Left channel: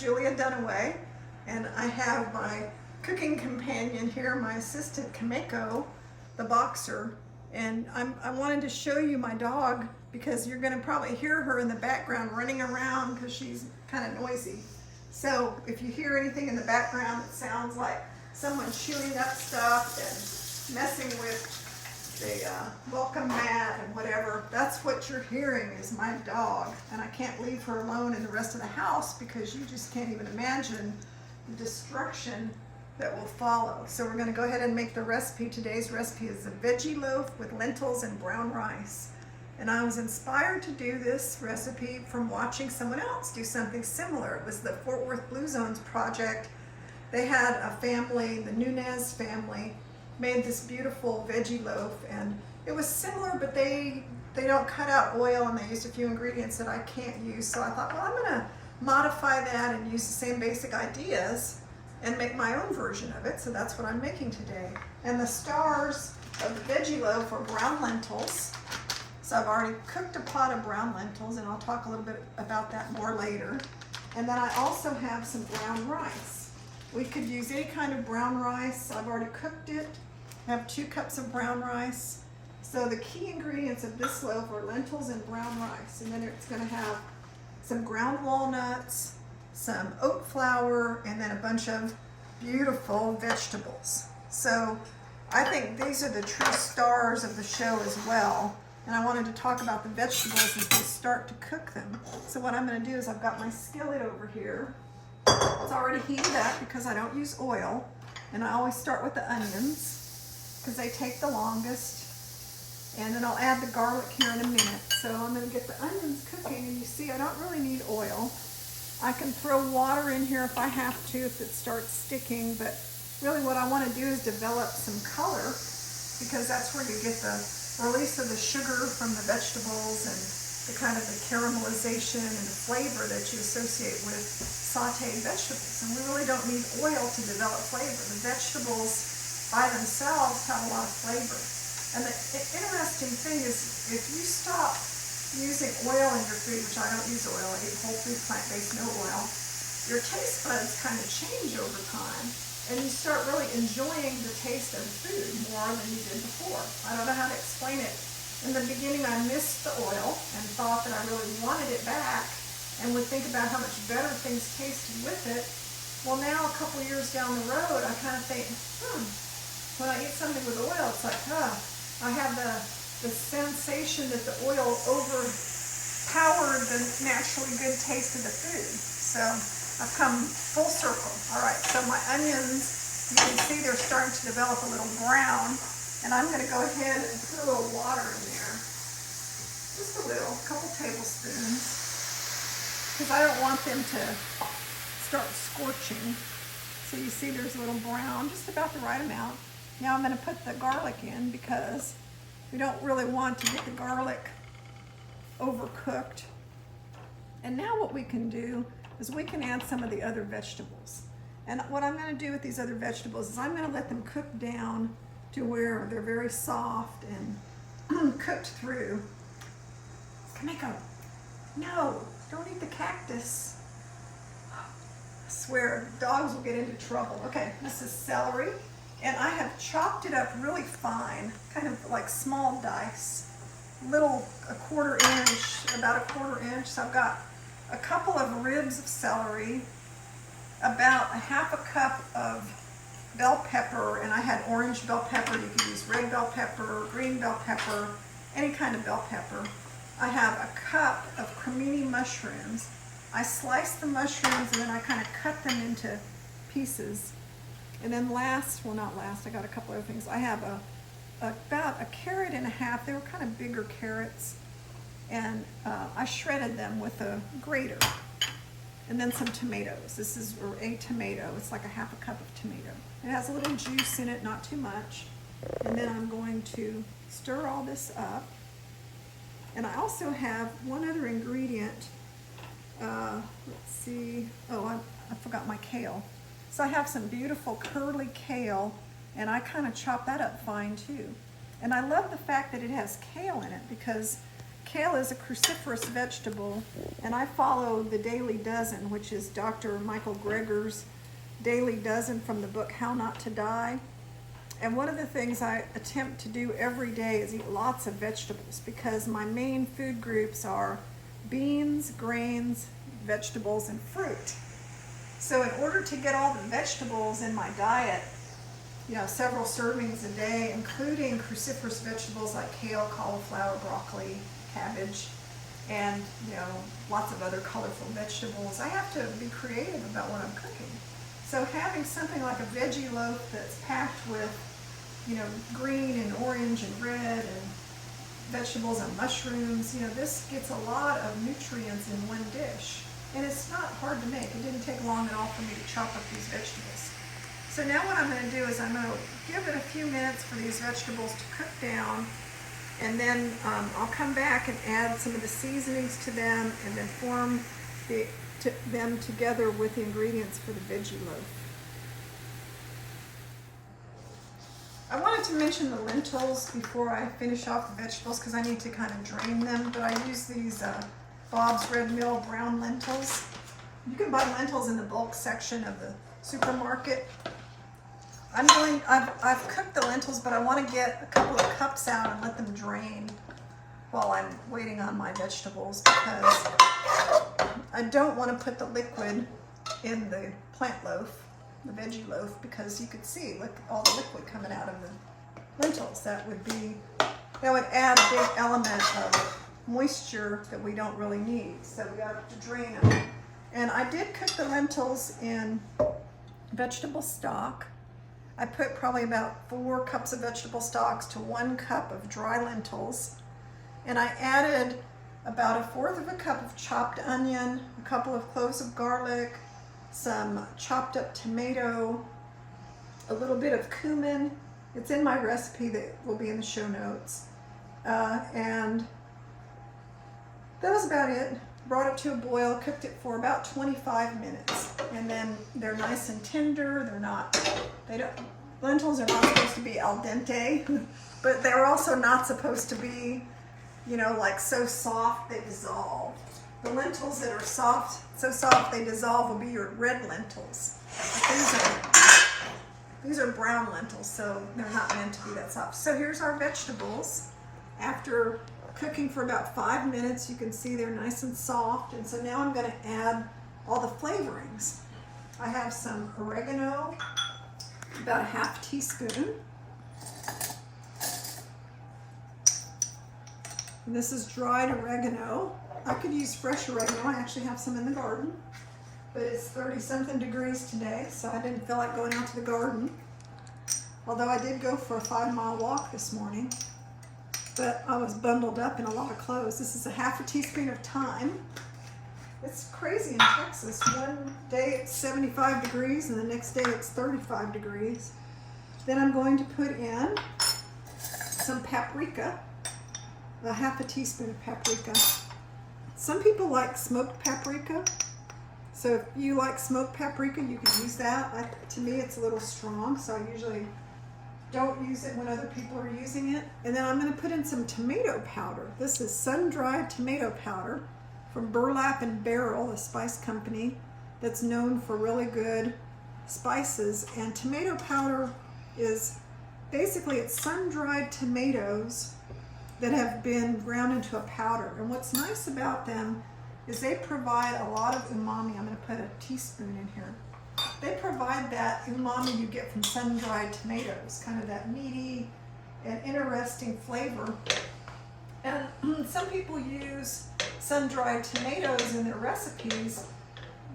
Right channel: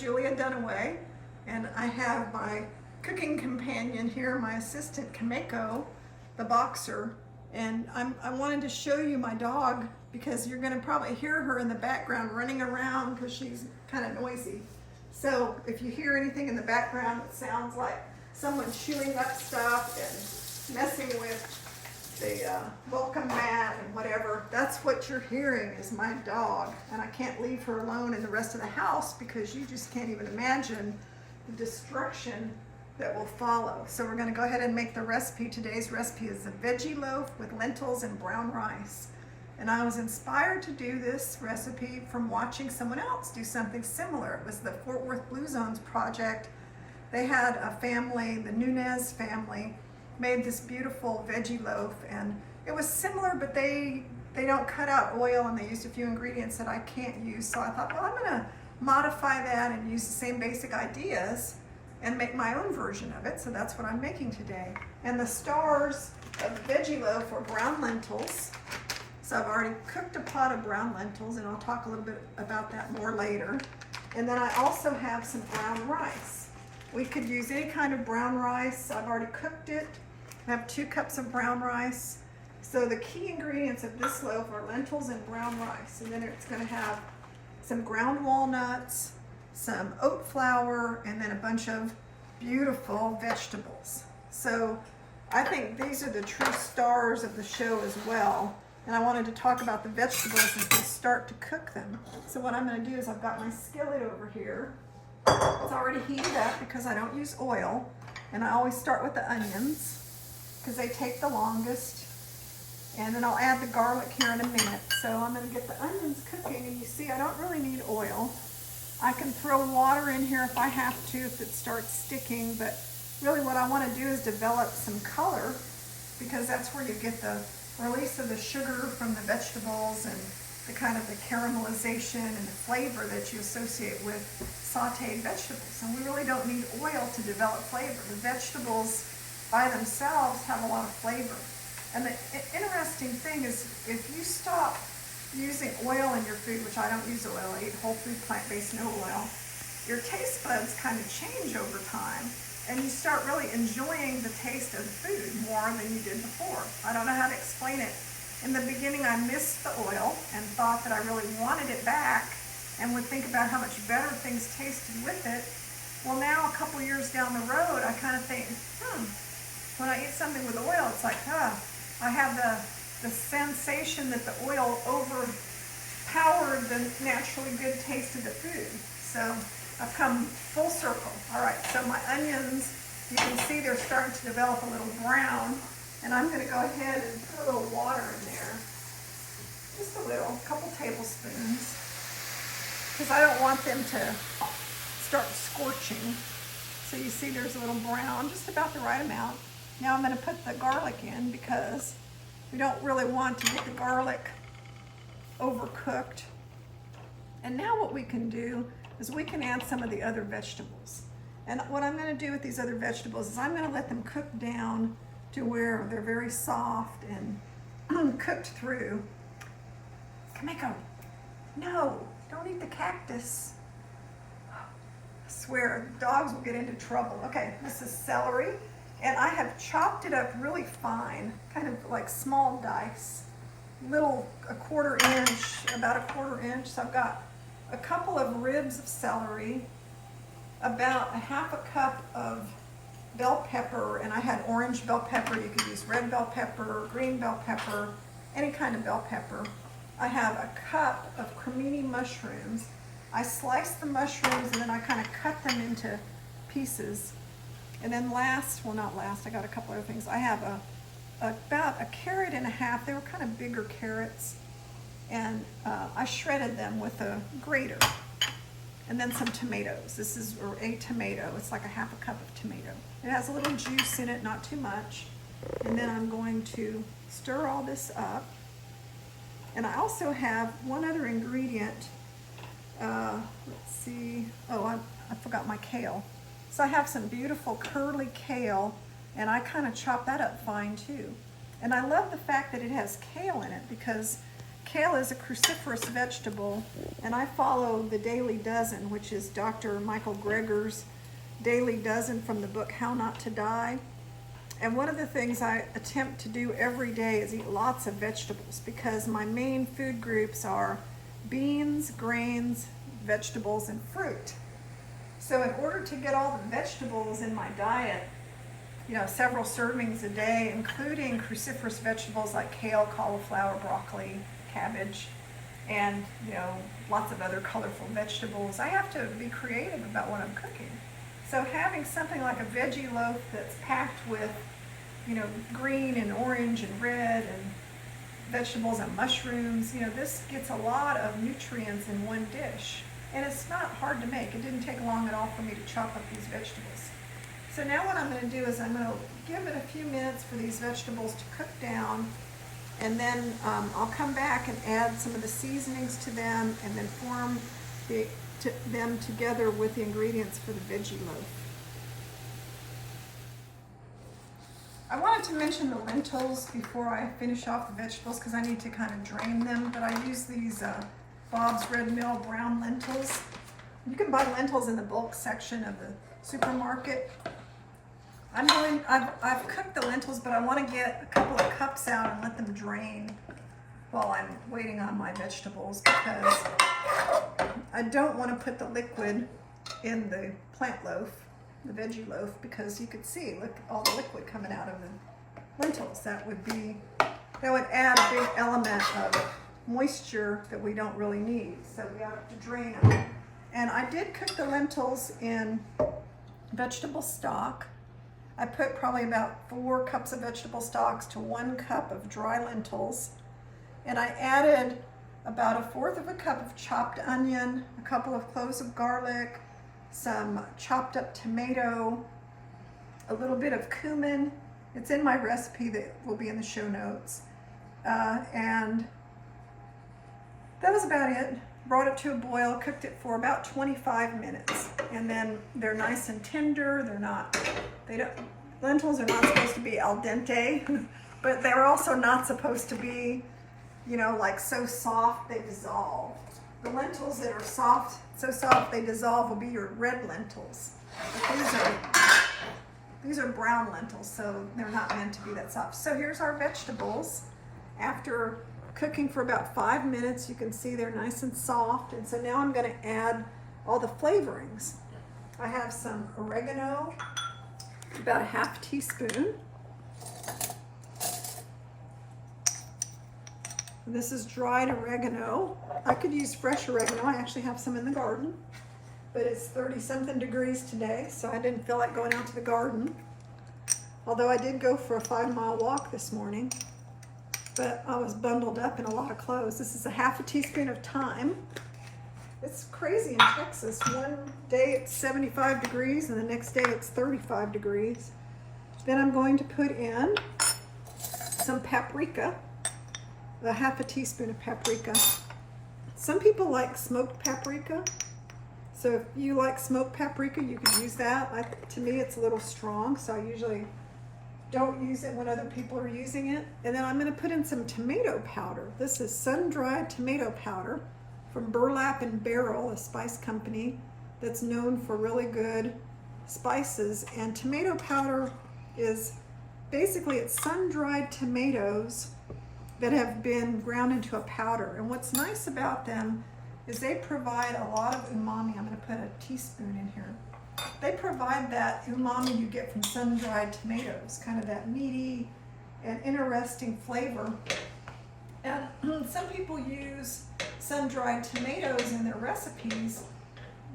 Julia Dunaway, and I have my cooking companion here, my assistant Kameko, the boxer, and I wanted to show you my dog because you're going to probably hear her in the background running around because she's kind of noisy. So if you hear anything in the background that sounds like someone chewing up stuff and messing with the welcome mat and whatever, that's what you're hearing is my dog. And I can't leave her alone in the rest of the house because you just can't even imagine the destruction that will follow. So we're going to go ahead and make the recipe. Today's recipe is a veggie loaf with lentils and brown rice. And I was inspired to do this recipe from watching someone else do something similar. It was the Fort Worth Blue Zones project. They had a family, the Nunez family, made this beautiful veggie loaf, and it was similar, but they don't cut out oil and they used a few ingredients that I can't use. So I thought, well, I'm gonna modify that and use the same basic ideas and make my own version of it. So that's what I'm making today. And the stars of the veggie loaf are brown lentils. So I've already cooked a pot of brown lentils, and I'll talk a little bit about that more later. And then I also have some brown rice. We could use any kind of brown rice. I've already cooked it. I have 2 cups of brown rice. So the key ingredients of this loaf are lentils and brown rice. And then it's gonna have some ground walnuts, some oat flour, and then a bunch of beautiful vegetables. So I think these are the true stars of the show as well. And I wanted to talk about the vegetables as we start to cook them. So what I'm gonna do is I've got my skillet over here. It's already heated up because I don't use oil. And I always start with the onions because they take the longest. And then I'll add the garlic here in a minute. So I'm gonna get the onions cooking, and you see I don't really need oil. I can throw water in here if I have to, if it starts sticking, but really what I wanna do is develop some color because that's where you get the release of the sugar from the vegetables and the kind of the caramelization and the flavor that you associate with sauteed vegetables. And we really don't need oil to develop flavor. The vegetables by themselves have a lot of flavor. And the interesting thing is if you stop using oil in your food, which I don't use oil, I eat whole food, plant-based, no oil, your taste buds kind of change over time. And you start really enjoying the taste of the food more than you did before. I don't know how to explain it. In the beginning, I missed the oil and thought that I really wanted it back and would think about how much better things tasted with it. Well, now a couple years down the road, I kind of think, when I eat something with oil, it's like, I have the sensation that the oil overpowered the naturally good taste of the food. So I've come full circle. All right, so my onions, you can see they're starting to develop a little brown, and I'm gonna go ahead and put a little water in there. Just a little, a couple tablespoons, because I don't want them to start scorching. So you see there's a little brown, just about the right amount. Now I'm gonna put the garlic in because we don't really want to get the garlic overcooked. And now what we can do is we can add some of the other vegetables. And what I'm gonna do with these other vegetables is I'm gonna let them cook down to where they're very soft and cooked through. Kameko, no, don't eat the cactus. I swear, dogs will get into trouble. Okay, this is celery, and I have chopped it up really fine, kind of like small dice, little, a quarter inch, about a quarter inch. So I've got a couple of ribs of celery, about a half a cup of bell pepper, and I had orange bell pepper. You could use red bell pepper, green bell pepper, any kind of bell pepper. I have a cup of cremini mushrooms. I sliced the mushrooms and then I kind of cut them into pieces. And then last, well not last, I got a couple other things. I have about a carrot and a half. They were kind of bigger carrots. And I shredded them with a grater. And then some tomatoes. This is a tomato. It's like a half a cup of tomato. It has a little juice in it, not too much. And then I'm going to stir all this up. And I also have one other ingredient. Let's see. Oh, I forgot my kale. So I have some beautiful curly kale, and I kind of chop that up fine too. And I love the fact that it has kale in it because Kale is a cruciferous vegetable, and I follow the Daily Dozen, which is Dr. Michael Greger's Daily Dozen from the book How Not to Die. And one of the things I attempt to do every day is eat lots of vegetables, because my main food groups are beans, grains, vegetables, and fruit. So in order to get all the vegetables in my diet, several servings a day, including cruciferous vegetables like kale, cauliflower, broccoli, cabbage, and lots of other colorful vegetables, I have to be creative about what I'm cooking. So having something like a veggie loaf that's packed with green and orange and red and vegetables and mushrooms, this gets a lot of nutrients in one dish, and it's not hard to make. It didn't take long at all for me to chop up these vegetables. So now what I'm going to do is I'm going to give it a few minutes for these vegetables to cook down, and then I'll come back and add some of the seasonings to them, and then form them together with the ingredients for the veggie loaf. I wanted to mention the lentils before I finish off the vegetables, because I need to kind of drain them, but I use these Bob's Red Mill brown lentils. You can buy lentils in the bulk section of the supermarket. I've cooked the lentils, but I want to get a couple of cups out and let them drain while I'm waiting on my vegetables, because I don't want to put the liquid in the plant loaf, the veggie loaf, because you could see, look, all the liquid coming out of the lentils. That would add a big element of moisture that we don't really need. So we got to drain them. And I did cook the lentils in vegetable stock. I put probably about 4 cups of vegetable stocks to 1 cup of dry lentils. And I added about 1/4 of a cup of chopped onion, a couple of cloves of garlic, some chopped up tomato, a little bit of cumin. It's in my recipe that will be in the show notes. And that was about it. Brought it to a boil, cooked it for about 25 minutes. And then they're nice and tender. Lentils are not supposed to be al dente, but they're also not supposed to be, like so soft they dissolve. The lentils that are so soft they dissolve will be your red lentils. But these are brown lentils, so they're not meant to be that soft. So here's our vegetables. After cooking for about 5 minutes, you can see they're nice and soft. And so now I'm going to add all the flavorings. I have some oregano, about 1/2 teaspoon. And this is dried oregano. I could use fresh oregano. I actually have some in the garden, but it's 30-something degrees today, so I didn't feel like going out to the garden. Although I did go for a 5-mile walk this morning, but I was bundled up in a lot of clothes. This is 1/2 teaspoon of thyme. It's crazy in Texas. One day it's 75 degrees and the next day it's 35 degrees. Then I'm going to put in some paprika, 1/2 teaspoon of paprika. Some people like smoked paprika. So if you like smoked paprika, you can use that. To me, it's a little strong, so I usually don't use it when other people are using it. And then I'm going to put in some tomato powder. This is sun-dried tomato powder from Burlap and Barrel, a spice company that's known for really good spices. And tomato powder is basically, it's sun-dried tomatoes that have been ground into a powder. And what's nice about them is they provide a lot of umami. I'm going to put a teaspoon in here. They provide that umami you get from sun-dried tomatoes, kind of that meaty and interesting flavor. And some people use sun-dried tomatoes in their recipes,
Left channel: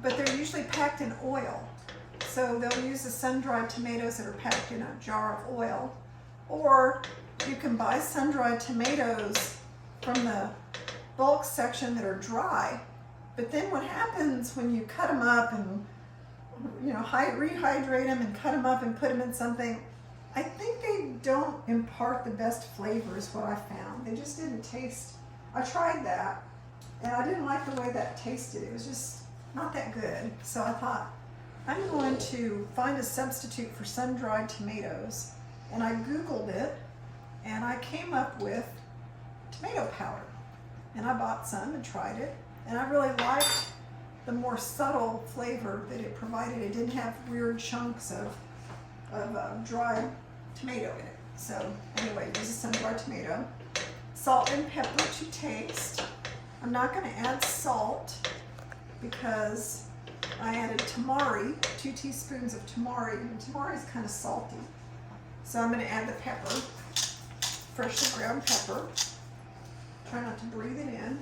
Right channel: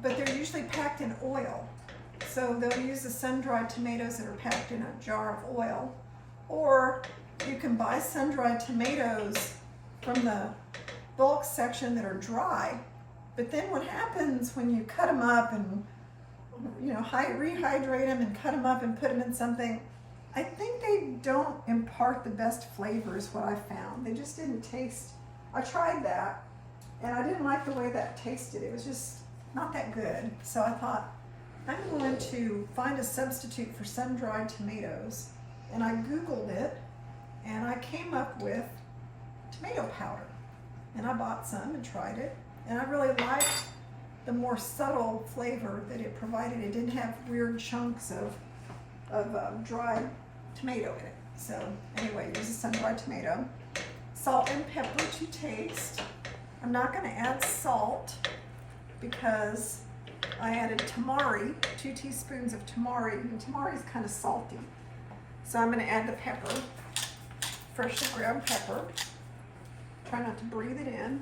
but they're usually packed in oil. So they'll use the sun-dried tomatoes that are packed in a jar of oil. Or you can buy sun-dried tomatoes from the bulk section that are dry. But then what happens when you cut them up and rehydrate them and cut them up and put them in something, I think they don't impart the best flavors, what I found. They just didn't taste. I tried that and I didn't like the way that tasted. It was just not that good. So I thought, I'm going to find a substitute for sun-dried tomatoes. And I Googled it and I came up with tomato powder. and I bought some and tried it, and I really liked the more subtle flavor that it provided. It didn't have weird chunks of dried tomato in it. So anyway, this is sun-dried tomato. Salt and pepper to taste. I'm not going to add salt because I added tamari, 2 teaspoons of tamari, and tamari is kind of salty. So I'm going to add the pepper, freshly ground pepper. Try not to breathe it in.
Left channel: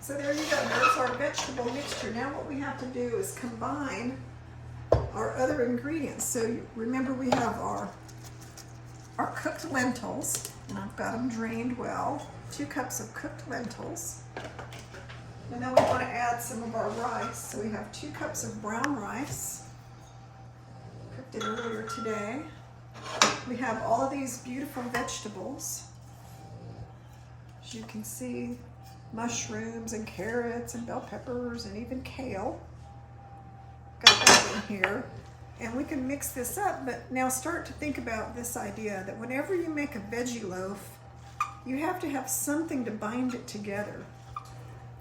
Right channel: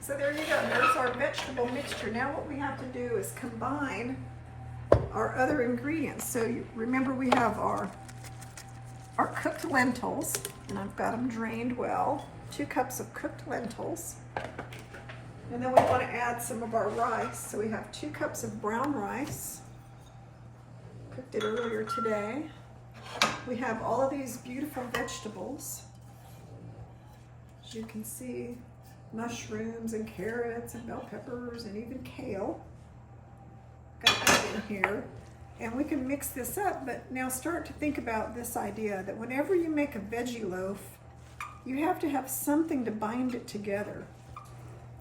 So there you go, there's our vegetable mixture. Now what we have to do is combine our other ingredients. So remember, we have our cooked lentils, and I've got them drained well. 2 cups of cooked lentils. And then we want to add some of our rice. So we have 2 cups of brown rice. Cooked it earlier today. We have all of these beautiful vegetables. As you can see, mushrooms and carrots and bell peppers and even kale. Got that in here. And we can mix this up, but now start to think about this idea that whenever you make a veggie loaf, you have to have something to bind it together.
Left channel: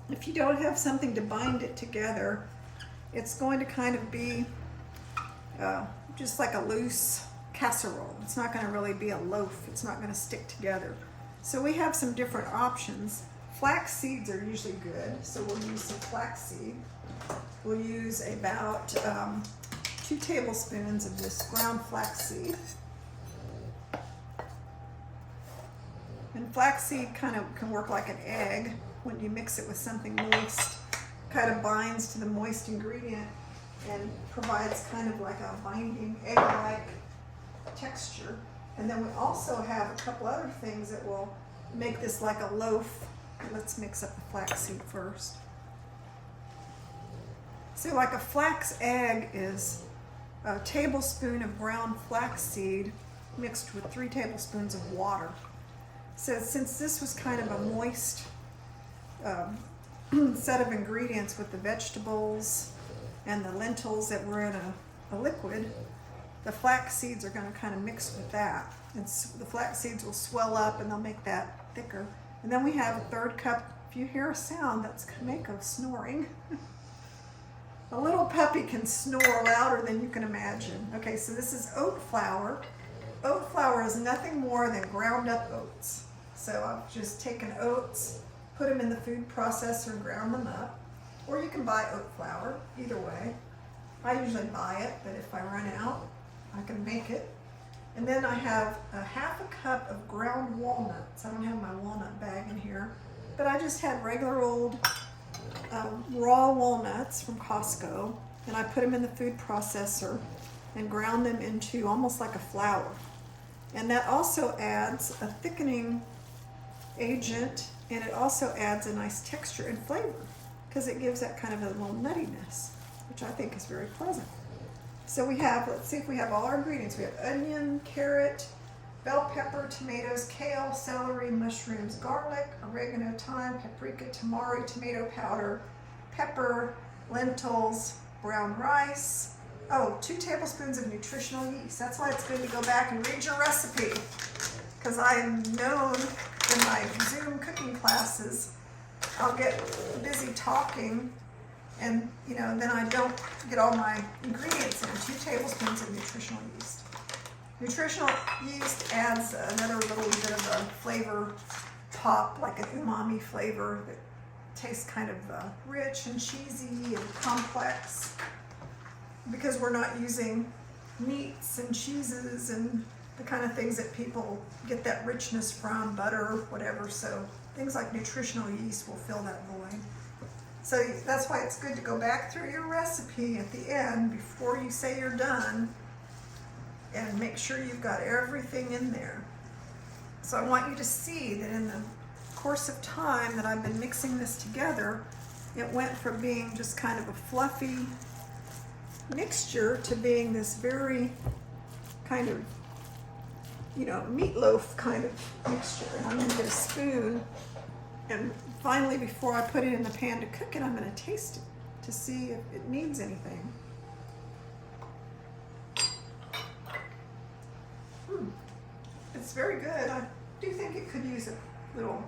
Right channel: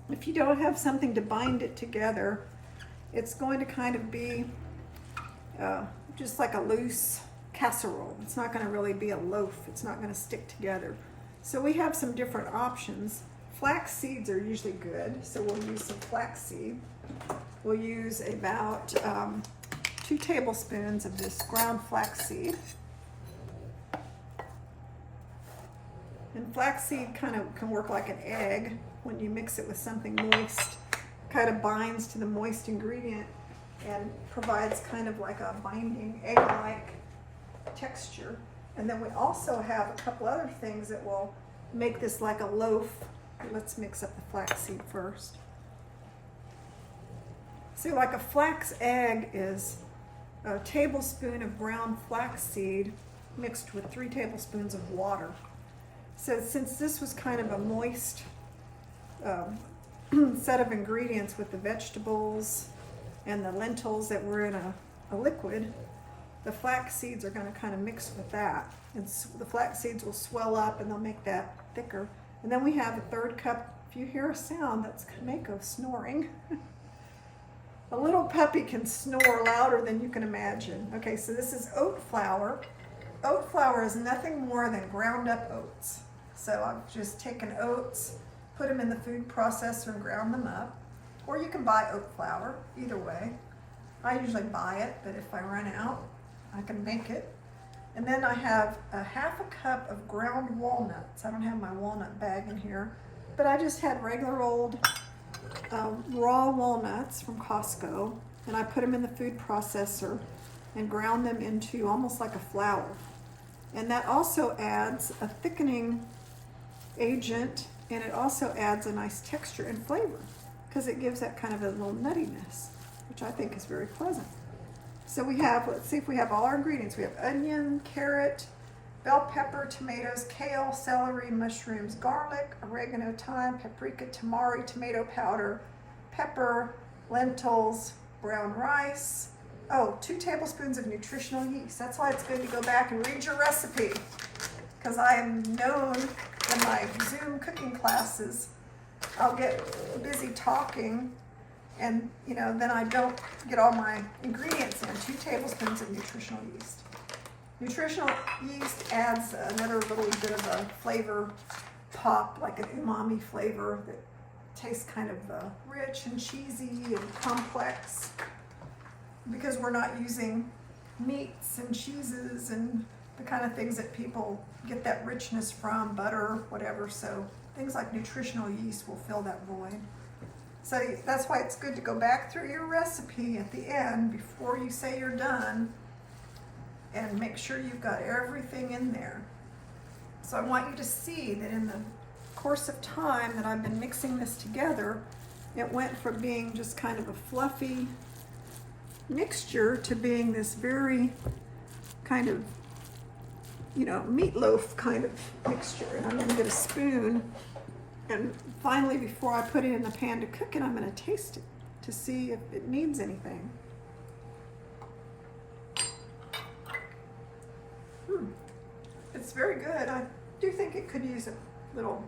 If you don't have something to bind it together, it's going to kind of be just like a loose casserole. It's not going to really be a loaf. It's not going to stick together. So we have some different options. Flax seeds are usually good, so we'll use some flax seed. We'll use about 2 tablespoons of this ground flaxseed. And flaxseed kind of can work like an egg when you mix it with something moist. Kind of binds to the moist ingredient and provides kind of like a binding egg-like texture. And then we also have a couple other things that will make this like a loaf. Let's mix up the flaxseed first. See, like a flax egg is a tablespoon of ground flaxseed mixed with 3 tablespoons of water. So since this was kind of a moist set of ingredients with the vegetables and the lentils that were in a liquid, the flax seeds are going to kind of mix with that. And the flax seeds will swell up and they'll make that thicker. And then we have a 1/3 cup. If you hear a sound, that's Kameko snoring. A little puppy can snore louder than you can imagine. Okay, so this is oat flour. Oat flour is nothing more than ground up oats. So I've just taken oats, put them in the food processor and ground them up. Or you can buy oat flour, either way. I usually buy it, but if I run out, I can make it. And then I have a 1/2 cup of ground walnuts. I don't have my walnut bag in here, but I just had regular old raw walnuts from Costco, and I put them in the food processor and ground them into almost like a flour. And that also adds a thickening agent, and it also adds a nice texture and flavor because it gives that kind of a little nuttiness, which I think is very pleasant. So we have, let's see if we have all our ingredients. We have onion, carrot, bell pepper, tomatoes, kale, celery, mushrooms, garlic, oregano, thyme, paprika, tamari, tomato powder, pepper, lentils, brown rice. Oh, 2 tablespoons of nutritional yeast. That's why it's good to go back and read your recipe, because I am known in my Zoom cooking classes, I'll get busy talking and then I don't get all my ingredients in. 2 tablespoons of nutritional yeast. Nutritional yeast adds another little bit of a flavor pop, like an umami flavor that tastes kind of rich and cheesy and complex, because we're not using meats and cheeses and the kind of things that people get that richness from, butter, whatever. So things like nutritional yeast will fill that void. So that's why it's good to go back through your recipe at the end before you say you're done and make sure you've got everything in there. So I want you to see that in the course of time that I've been mixing this together, it went from being just kind of a fluffy mixture to being this very kind of, meatloaf kind of mixture. And I'm gonna get a spoon, and finally, before I put it in the pan to cook it, I'm gonna taste it to see if it needs anything. It's very good. I do think it could use a little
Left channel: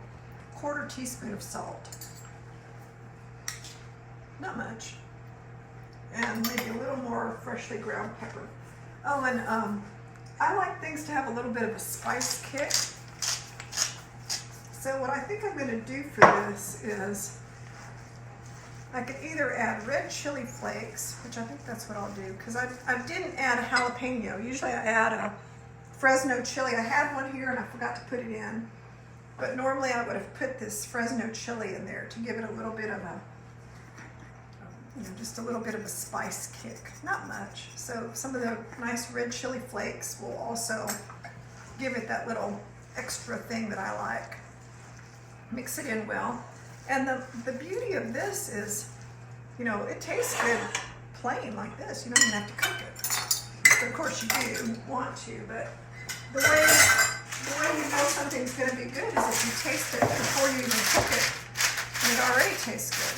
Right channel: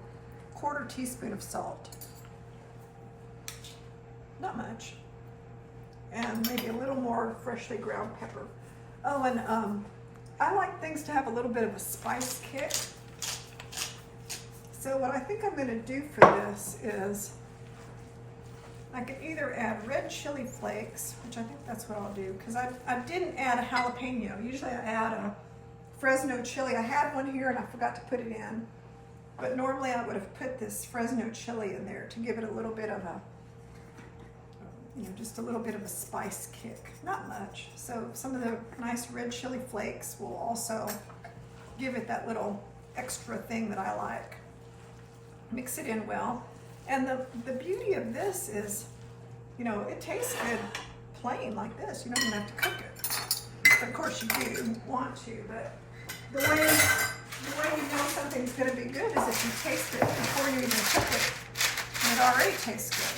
1/4 teaspoon of salt. Not much. And maybe a little more freshly ground pepper. Oh, and I like things to have a little bit of a spice kick. So what I think I'm going to do for this is I could either add red chili flakes, which I think that's what I'll do, because I didn't add a jalapeno. Usually I add a Fresno chili. I had one here and I forgot to put it in. But normally I would have put this Fresno chili in there to give it a little bit of a, just a little bit of a spice kick. Not much. So some of the nice red chili flakes will also give it that little extra thing that I like. Mix it in well. And the beauty of this is, it tastes good plain like this. You don't even have to cook it. But of course you do want to, but the way you know something's going to be good is if you taste it before you even cook it, and it already tastes good.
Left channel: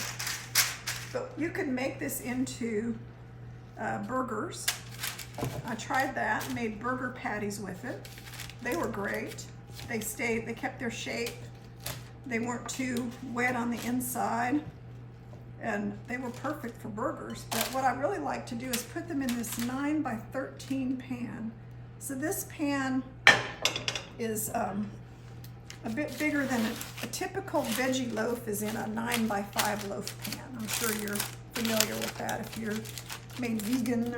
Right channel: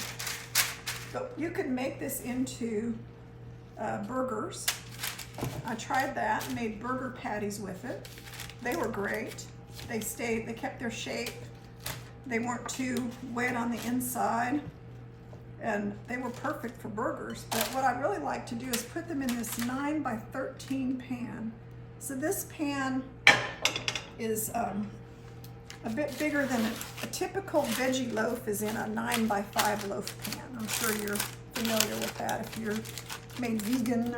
But you can make this into burgers. I tried that and made burger patties with it. They were great. They kept their shape. They weren't too wet on the inside, and they were perfect for burgers. But what I really like to do is put them in this 9 by 13 pan. So this pan is a bit bigger than a typical veggie loaf is in a 9 by 5 loaf pan. I'm sure you're familiar with that if you're made vegan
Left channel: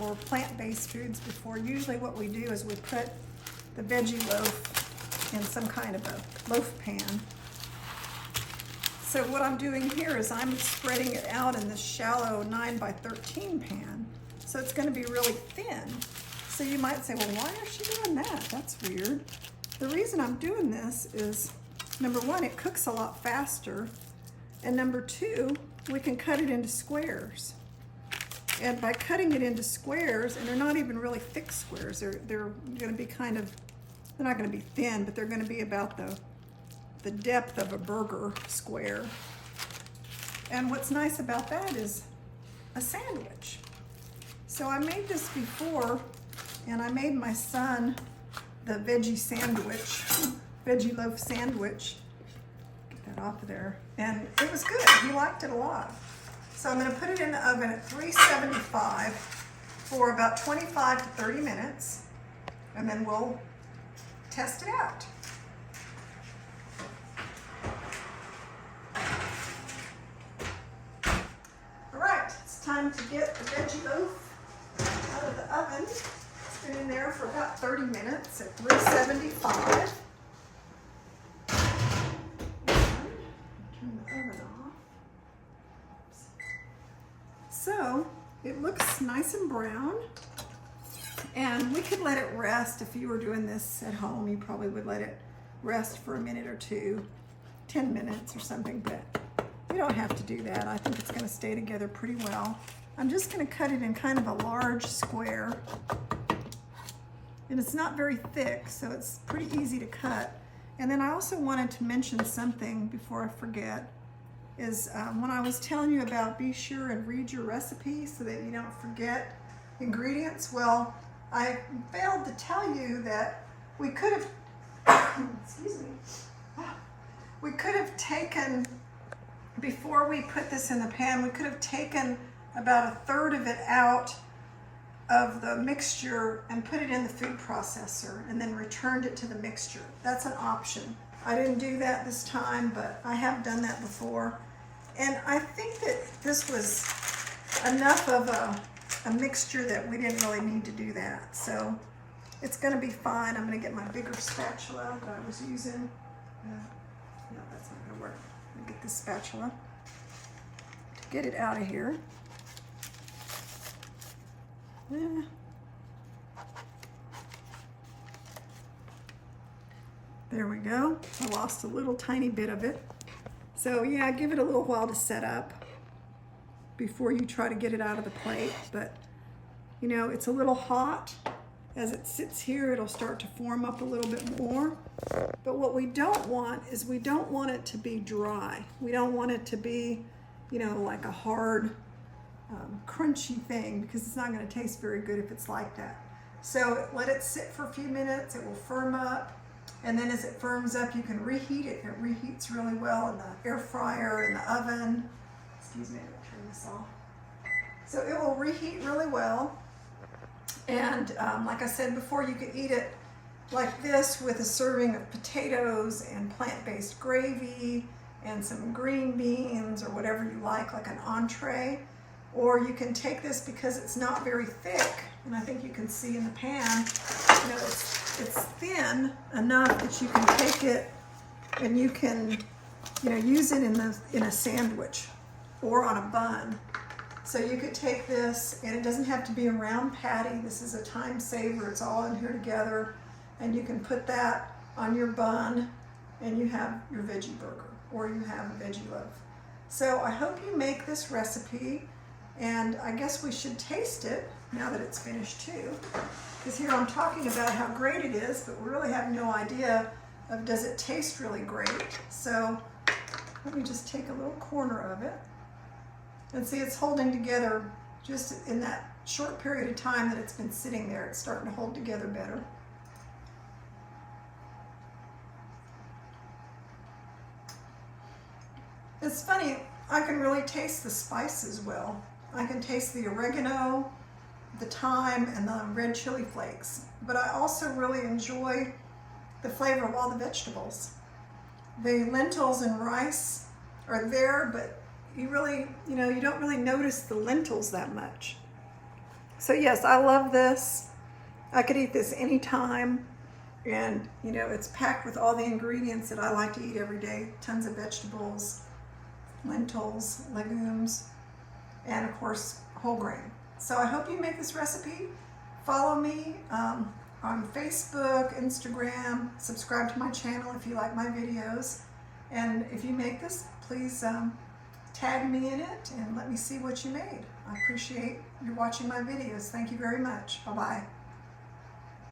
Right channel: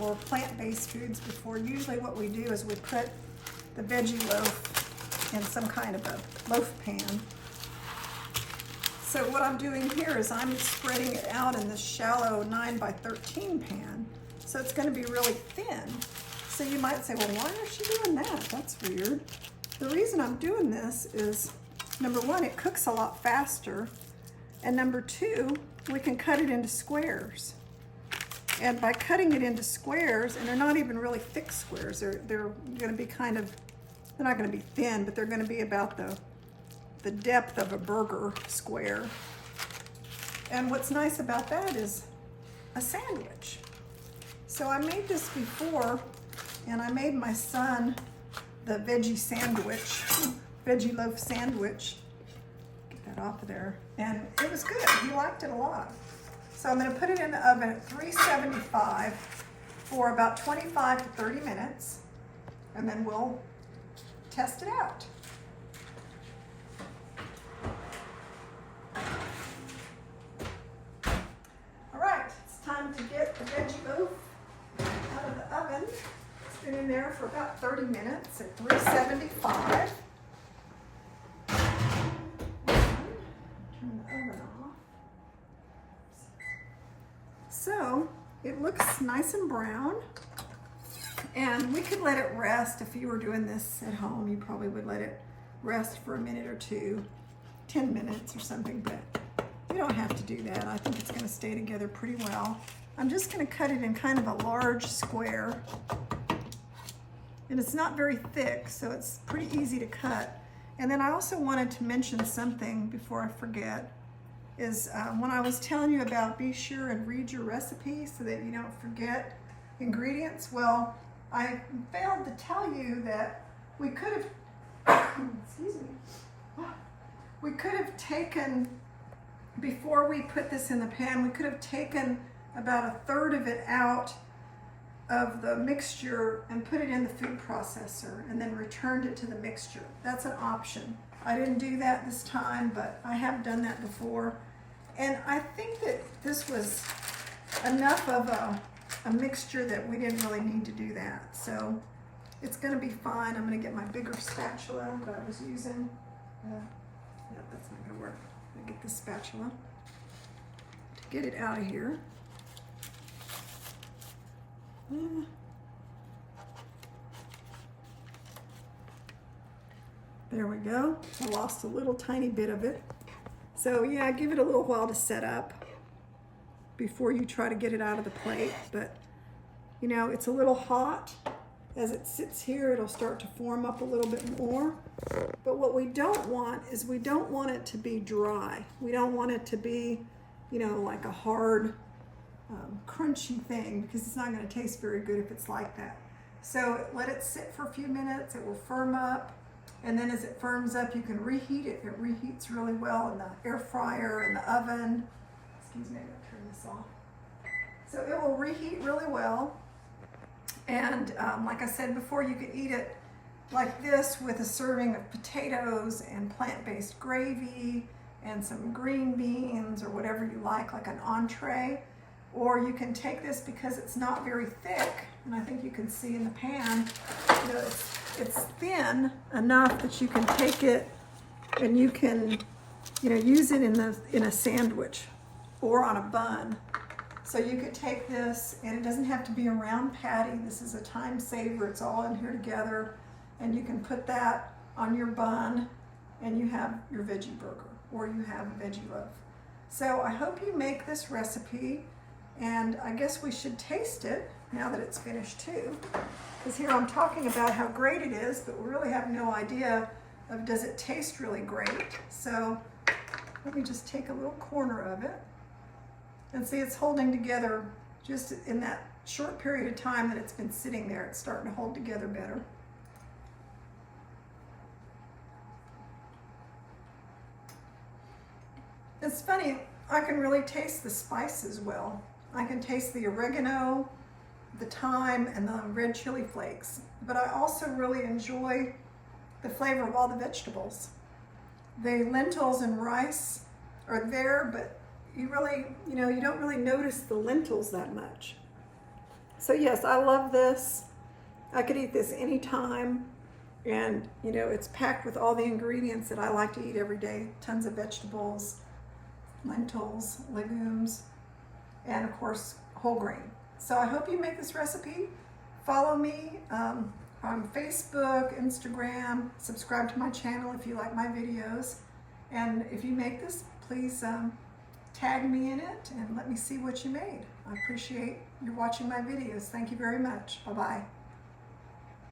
or plant-based foods before. Usually what we do is we put the veggie loaf in some kind of a loaf pan. So what I'm doing here is I'm spreading it out in this shallow 9 by 13 pan. So it's going to be really thin. So you might say, well, why is she doing that? That's weird. The reason I'm doing this is, number one, it cooks a lot faster. And number two, we can cut it into squares. And by cutting it into squares, and they're not even really thick squares, they're going to be kind of, they're not going to be thin, but they're going to be about the depth of a burger square. And what's nice about that is a sandwich. So I made this before, and I made my son the veggie sandwich, veggie loaf sandwich. Get that off of there. And it was good. He liked it a lot. So I'm going to put it in the oven at 375 for about 25 to 30 minutes, and then we'll test it out. All right, it's time to get the veggie loaf out of the oven. It's been in there for about 30 minutes at 375. Turn the oven off. So it looks nice and brown, and we could let it rest. If you were doing this at home, you probably would let it rest for a minute or two, 10 minutes or something, but you don't have to do that. I think it's going to stay together pretty well. I'm just going to cut it in kind of a large square, and it's not very thick, so it's pretty easy to cut. And then I also wanted to mention something before I forget, is when I was telling you about be sure and read your recipe so that you don't forget ingredients. Well, I failed to tell you that we could have, excuse me, we could have taken, before we put this in the pan, we could have taken about 1/3 of it out of the mixture and put it in the food processor and then returned it to the mixture. That's an option. I didn't do that this time, but I have done that before. And I think that this was enough of a mixture that we didn't really need to do that. So it's gonna be fine. I'm gonna get my bigger spatula that I was using. No, that's not gonna work. I'm gonna get this spatula to get it out of here. There we go. I lost a little tiny bit of it. So yeah, give it a little while to set up before you try to get it out of the plate. But you know, it's a little hot. As it sits here, it'll start to form up a little bit more. But what we don't want is we don't want it to be dry. We don't want it to be, you know, like a hard, crunchy thing, because it's not going to taste very good if it's like that. So let it sit for a few minutes. It will firm up. And then as it firms up, you can reheat it. It reheats really well in the air fryer, in the oven. Excuse me, I'm gonna turn this off. So it will reheat really well. And like I said before, you could eat it like this with a serving of potatoes and plant-based gravy and some green beans or whatever you like an entree. Or you can take this because it's not very thick, and I think you can see in the pan, you know, it's thin enough that you can take it and you can, you know, use it in a sandwich or on a bun. So you could take this, and it doesn't have to be a round patty. This is a time saver. It's all in here together, and you can put that on your bun, and you have your veggie burger, or you have a veggie loaf. So I hope you make this recipe. And I guess we should taste it now that it's finished too. Because here I'm talking about how great it is, but we really have no idea of does it taste really great. So let me just take a little corner of it. And see, it's holding together just in that short period of time that it's been sitting there. It's starting to hold together better. It's funny, I can really taste the spices well. I can taste the oregano, the thyme, and the red chili flakes. But I also really enjoy the flavor of all the vegetables. The lentils and rice are there, but you really, you know, you don't really notice the lentils that much. So yes, I love this. I could eat this anytime. And, you know, it's packed with all the ingredients that I like to eat every day. Tons of vegetables, lentils, legumes, and of course, whole grain. So I hope you make this recipe. Follow me on Facebook, Instagram, subscribe to my channel if you like my videos. And if you make this, please tag me in it and let me see what you made. I appreciate you watching my videos. Thank you very much. Bye-bye.